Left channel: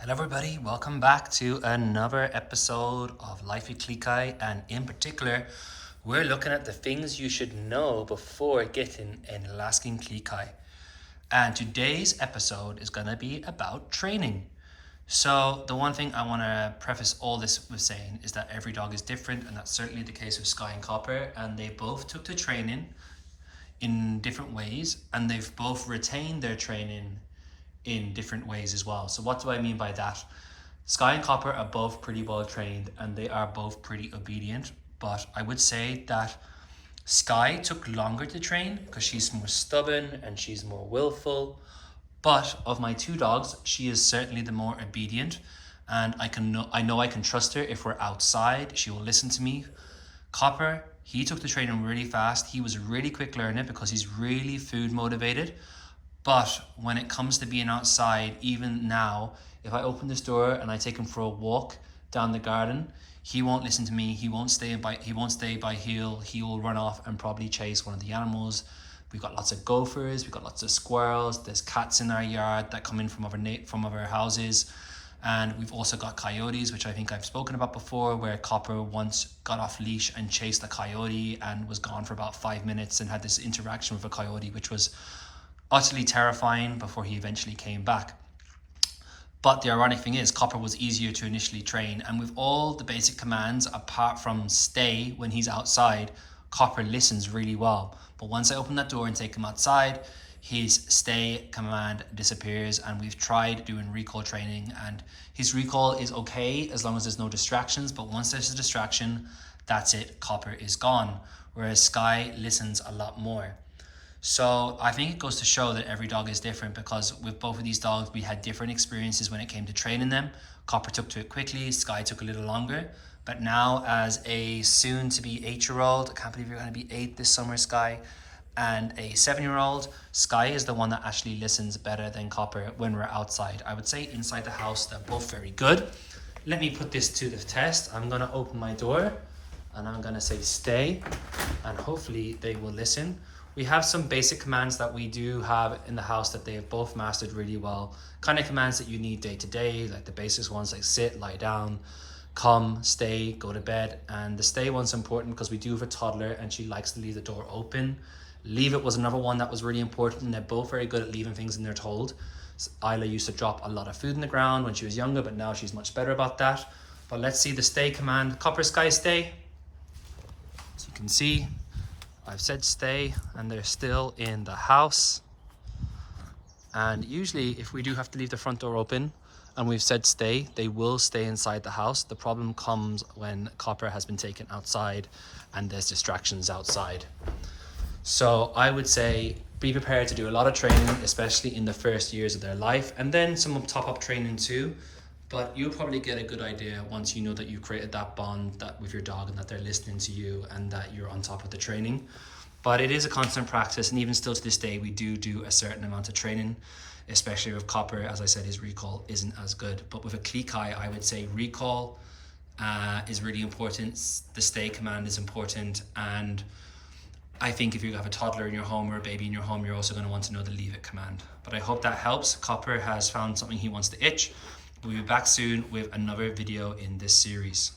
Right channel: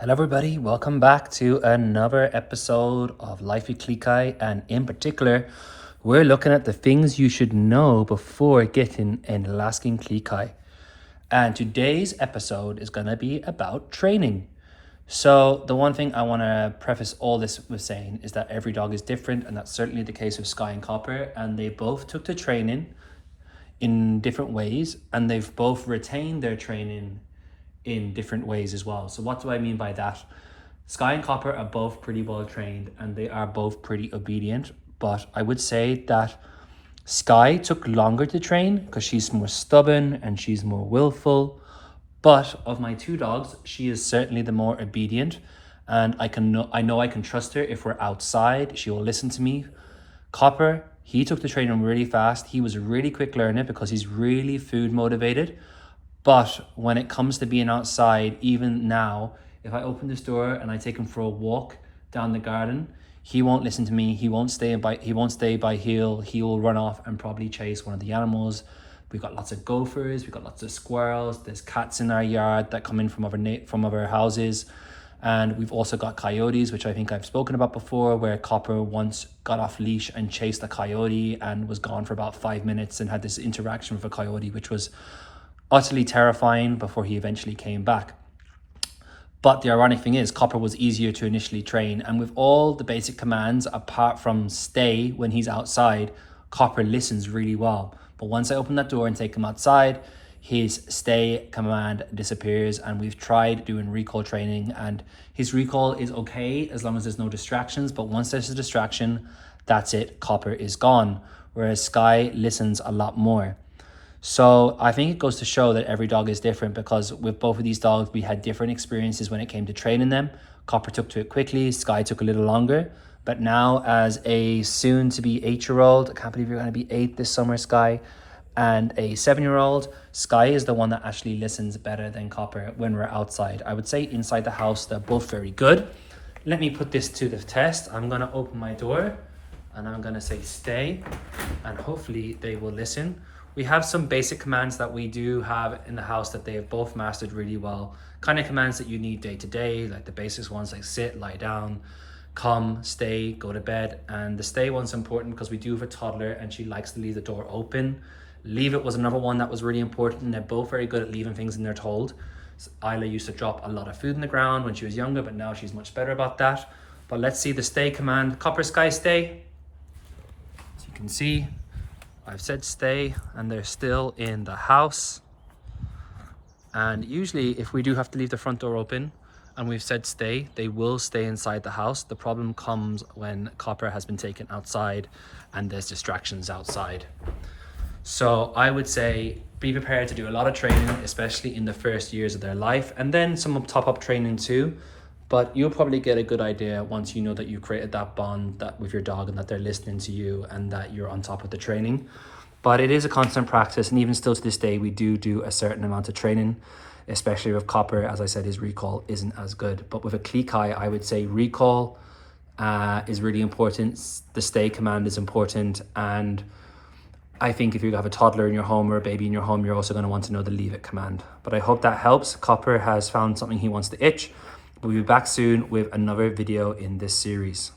Hello everybody, welcome back to another episode of Life with Klee, and in particular, we're looking at the things you should know before getting an Alaskan Klee. And today's episode is going to be about training. So the one thing I want to preface all this with saying is that every dog is different, and that's certainly the case with Sky and Copper, and they both took to training in different ways, and they've both retained their training in different ways as well. So what do I mean by that? Sky and Copper are both pretty well trained and they are both pretty obedient, but I would say that Sky took longer to train because she's more stubborn and she's more willful. But of my two dogs, she is certainly the more obedient, and I know I can trust her. If we're outside, she will listen to me. Copper, he took the training really fast. He was a really quick learner because he's really food motivated. But when it comes to being outside, even now, if I open this door and I take him for a walk down the garden, he won't listen to me. He won't stay by heel. He will run off and probably chase one of the animals. We've got lots of gophers. We've got lots of squirrels. There's cats in our yard that come in from other houses. And we've also got coyotes, which I think I've spoken about before, where Copper once got off leash and chased a coyote and was gone for about 5 minutes and had this interaction with a coyote, which was utterly terrifying before he eventually came back. But the ironic thing is, Copper was easier to initially train, and with all the basic commands, apart from stay when he's outside, Copper listens really well. But once I open that door and take him outside, his stay command disappears, and we've tried doing recall training, and his recall is okay as long as there's no distractions, but once there's a distraction, that's it, Copper is gone, whereas Sky listens a lot more. So I think it goes to show that every dog is different, because with both of these dogs, we had different experiences when it came to training them. Copper took to it quickly, Sky took a little longer. But now, as a soon-to-be 8-year-old, I can't believe you're going to be 8 this summer, Sky, and a 7-year-old, Sky is the one that actually listens better than Copper when we're outside. I would say inside the house, they're both very good. Let me put this to the test. I'm going to open my door and I'm going to say stay, and hopefully they will listen. We have some basic commands that we do have in the house that they have both mastered really well. Kind of commands that you need day to day, like the basic ones like sit, lie down, come, stay, go to bed. And the stay one's important because we do have a toddler and she likes to leave the door open. Leave it was another one that was really important, and they're both very good at leaving things in their told. So Isla used to drop a lot of food in the ground when she was younger, but now she's much better about that. But let's see the stay command. Copper, Sky, stay. As you can see, I've said stay and they're still in the house. And usually if we do have to leave the front door open and we've said stay, they will stay inside the house. The problem comes when Copper has been taken outside and there's distractions outside. So I would say be prepared to do a lot of training, especially in the first years of their life, and then some top-up training too. But you'll probably get a good idea once you know that you've created that bond with your dog and that they're listening to you and that you're on top of the training. But it is a constant practice, and even still to this day, we do a certain amount of training, especially with Copper. As I said, his recall isn't as good. But with a Klee, I would say recall is really important. The stay command is important. And I think if you have a toddler in your home or a baby in your home, you're also going to want to know the leave it command. But I hope that helps. Copper has found something he wants to itch. We'll be back soon with another video in this series.